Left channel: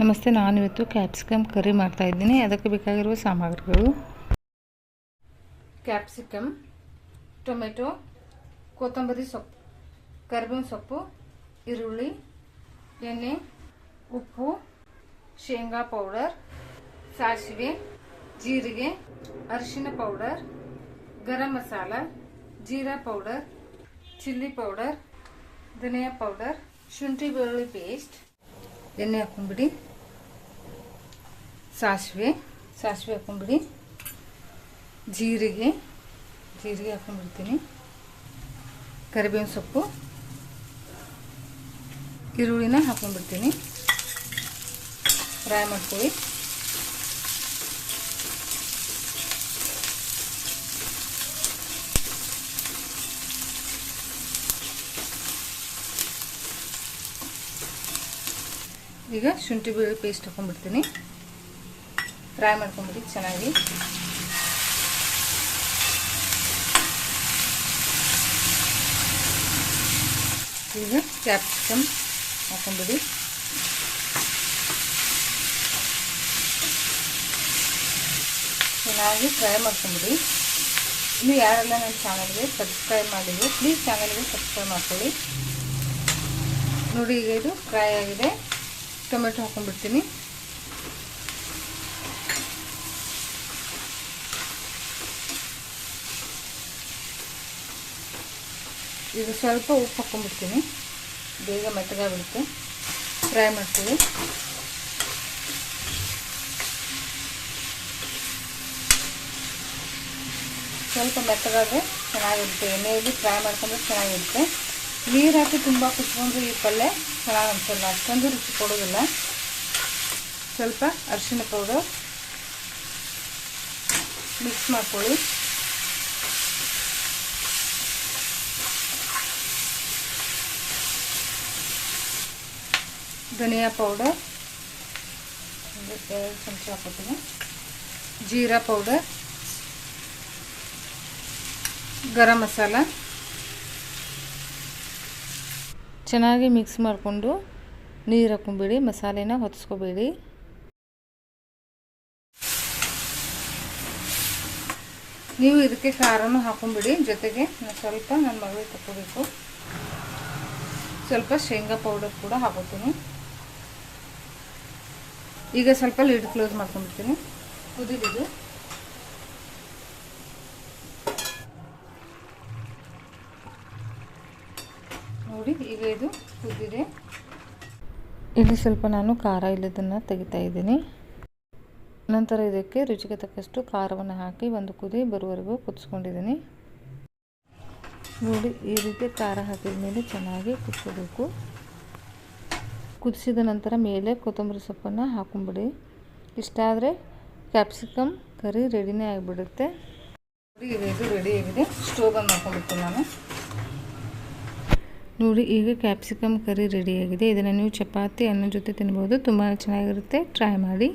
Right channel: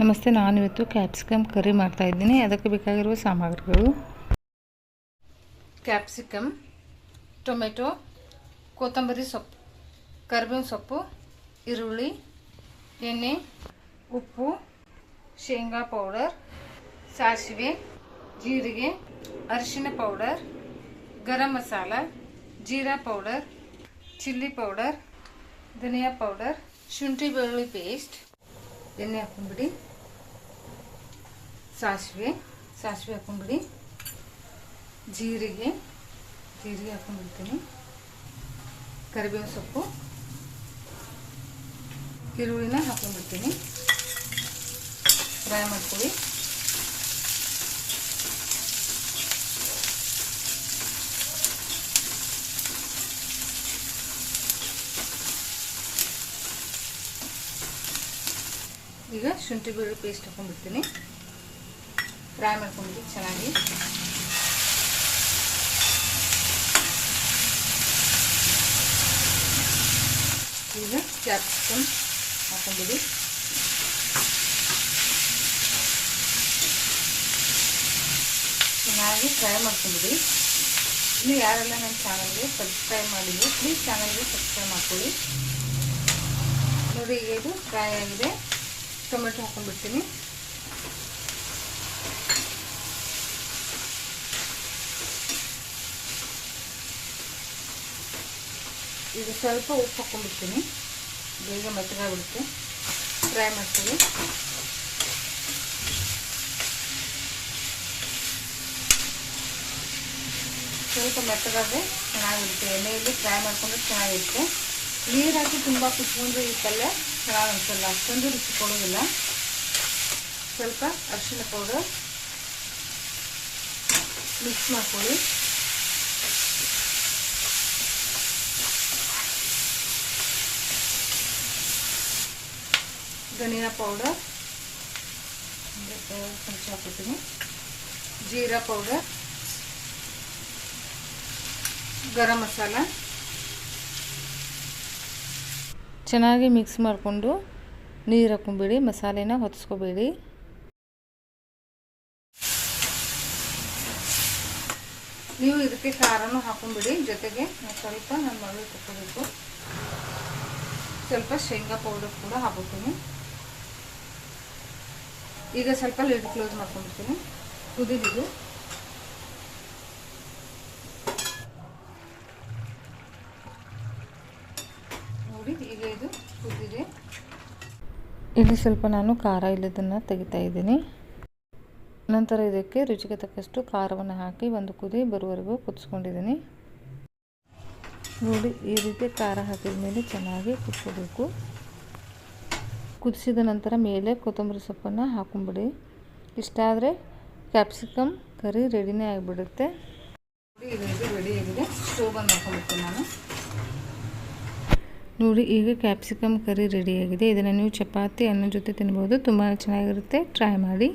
ನಮಸ್ತೆ ನಾನು ಇವತ್ತು ಕ್ಯಾಪ್ಸಿಕಮ್ ಕರಿ ಮಾಡ್ತಾ ಇದ್ದೀನಿ. ಅದಕ್ಕೆ ಬೇಕಾಗಿರುವ ಸಾಮಗ್ರಿಗಳು. ಕ್ಯಾಪ್ಸಿಕಮ್ ಟೊಮೆಟೊ ಕೊತ್ತಂಬರಿ ಸೊಪ್ಪು, ಕರಿಬೇವಿನ ಸೊಪ್ಪು, ಈರುಳ್ಳಿ, ಎಣ್ಣೆ, ಉಪ್ಪು, ಶೇಂಗಾ ಪೌಡರ್, ಸಾಸಿವೆ, ಜೀರಿಗೆ, ಅರಿಶಿನ powder, garam masala, jeera powder, chilli powder, ಧನಿಯಾ ಪೌಡರ್, ಶುಂಠಿ ಬೆಳ್ಳುಳ್ಳಿ ಪೇಸ್ಟ್. ಎಣ್ಣೆ ಹಾಕೊಂಡ್ಬಿಡಿ ಸಾಸಿವೆ ಸಾಸಿವೆ ಹಾಕೊಂಡ್ಬಿಡಿ ಜೀರಿಗೆ ಜೀರಿಗೆ ಹಾಕೊಂಡ್ಬಿಡ್ತೀನಿ ಕರಿಬೇವಿನ ಸೊಪ್ಪು, ಈರುಳ್ಳಿನ ಹಾಕೊಂಡ್ಬಿಡ್ತೀನಿ ಫ್ರೈ ಮಾಡ್ತೀವಿ ಈಗ ಶುಂಠಿ ಬೆಳ್ಳುಳ್ಳಿ ಪೇಸ್ಟ್ ಹಾಕೊಂಡ್ಬಿಡ್ತೀನಿ ಫ್ರೈ ಮಾಡ್ಕೊಂಡ್ಬಿಡಿ, ಚೆನ್ನಾಗಿ. ಈಗ ಕ್ಯಾಪ್ಸಿಕಮ್ ಹಾಕೊಂಡ್ಬಿಡಿ ಚೆನ್ನಾಗಿ ಫ್ರೈ ಮಾಡ್ಕೊಂಡ್ಬಿಡಿ. ಇನ್ನು ಯಾರೆಲ್ಲ ನನ್ನ ಚಾನಲ್ಗೆ ಸಬ್ಸ್ಕ್ರೈಬ್ ಮಾಡಿದ್ರು ಪ್ಲೀಸ್ ಚಾನಲ್ಗೆ ಸಬ್ಸ್ಕ್ರೈಬ್ ಮಾಡ್ಕೊಳ್ಳಿ. ನೋಡಿ ಈಗ ಇದು ಫ್ರೈ ಆಗಿದೆ. ಟೊಮೆಟೊ ಹಾಕೊಂಡ್ಬಿಡ್ತೀನಿ ಈಗ ಸ್ವಲ್ಪ ಉಪ್ಪು ಹಾಕೊಂಡ್ಬಿಡ್ತೀನಿ ಬೇಗ ಮೆತ್ತಗಾಗ್ಬಿಡುತ್ತೆ. ಫ್ರೈ ಮಾಡ್ತೀವಿ. ಸ್ವಲ್ಪ ಮೆತ್ತಗಾದರೆ ಚೆನ್ನಾಗಿರುತ್ತೆ. ಎಣ್ಣೆಯಲ್ಲಿ ಫ್ರೈ ಮಾಡ್ಕೊಂಡ್ರೆ ಚೆನ್ನಾಗಿರುತ್ತೆ. ನೀರು ಹಾಕಿ ತುಂಬ ಕುತ್ಕೊಂಡ್ರೆ ಈ ಪಲ್ಯ ಚೆನ್ನಾಗಿ ಅನಿಸಲ್ಲ ಅಷ್ಟೊಂದು ರುಚಿ ಕೊಡೋದಿಲ್ಲ ಸ್ವಲ್ಪ ಅರಿಶಿನ ಪೌಡರ್ ಮಿಕ್ಸ್ ಮಾಡ್ಕೊಳ್ಳಿ. ಧನಿಯಾ ಪೌಡರ್ ಚಮಚ ಹಾಕೋತೀನಿ ಜೀರಾ ಪೌಡರ್ ಗರಂ ಮಸಾಲ. ಚೆನ್ನಾಗಿ ಮಿಕ್ಸ್ ಮಾಡಿಕೊಂಡು ನೀರು ಹಾಕೊಂಬೇಡಿ ಮಸಾಲೆನ ಹೊತ್ಸ್ಕೋಬೇಡಿ. ನೀವು ಇದಕ್ಕೆ ಖಾರನೂ ಹಾಕೊಂಬಿಡಿ ಜೊತೆಗೆ ಸ್ವಲ್ಪ ನನ್ನ ಮಗಳು ತಗೋಬೇಕು ಸ್ವಲ್ಪ ಶೇಂಗಾ ಪೌಡರ್ ಕೂಡ ಹಾಕೋತೀನಿ ಈಗ ಸ್ವಲ್ಪ ಲಿಡ್ ಕ್ಲೋಸ್ ಮಾಡ್ಕೊಂಡ್ಬಿಡ್ತೀನಿ. ಕುದಿಲಿದು ನೋಡಿ, ಈಗ ಇದು ಕುದಿದೆ. ಇಲ್ಲಿ ಸ್ವಲ್ಪ ನಾನು ಖಾರ ಇಲ್ಲದನ್ನು ತೆಗಿತಾ ಇದ್ದೀನಿ. ನಂತರ ಇದಕ್ಕೆ ರುಚಿಗೆ ತಕ್ಕಷ್ಟು ಖಾರವನ್ನು ಹಾಕಿ ಒಂದು ಕುದಿ ಬರುವವರೆಗೂ ಕುದಿಸ್ಕೊಂಡಿದ್ದೀನಿ. ನೋಡಿ, ಈ ರೀತಿ ಖಾರ ಹಾಕಿದ ಮೇಲೆ ಚೆನ್ನಾಗಿ ಕುದಿಸ್ಕೋಬೇಕು. ಕುದಿಸಿದ ನಂತರ ಮೇಲೆ ಕೊತ್ತಂಬರಿ ಸೊಪ್ಪನ್ನು ಹಾಕೊಂಬಿಡಿ. ಇಷ್ಟಾದರೆ ಕ್ಯಾಪ್ಸಿಕಮ್ ಕರಿ ರೆಡಿನೇ ಆಗಿಬಿಡುತ್ತೆ. ರೆಡಿ ಆಗಿದೆ. ಸ್ಟೋವನ್ನು ಹಾಕೊಂಡ್ಬಿಡ್ತೀನಿ ನಾನು. ನೋಡಿ, ಈಗ ಕ್ಯಾಪ್ಸಿಕಮ್ ಕರಿ ರೆಡಿಯಾಗಿದೆ ಇದನ್ನು ನೀವು ಚಪಾತಿ, ಅನ್ನ ಜೊತೆ ತಿನ್ಬೋದು. ತುಂಬ ಚೆನ್ನಾಗಿರುತ್ತೆ. ಟ್ರೈ ಮಾಡಿ.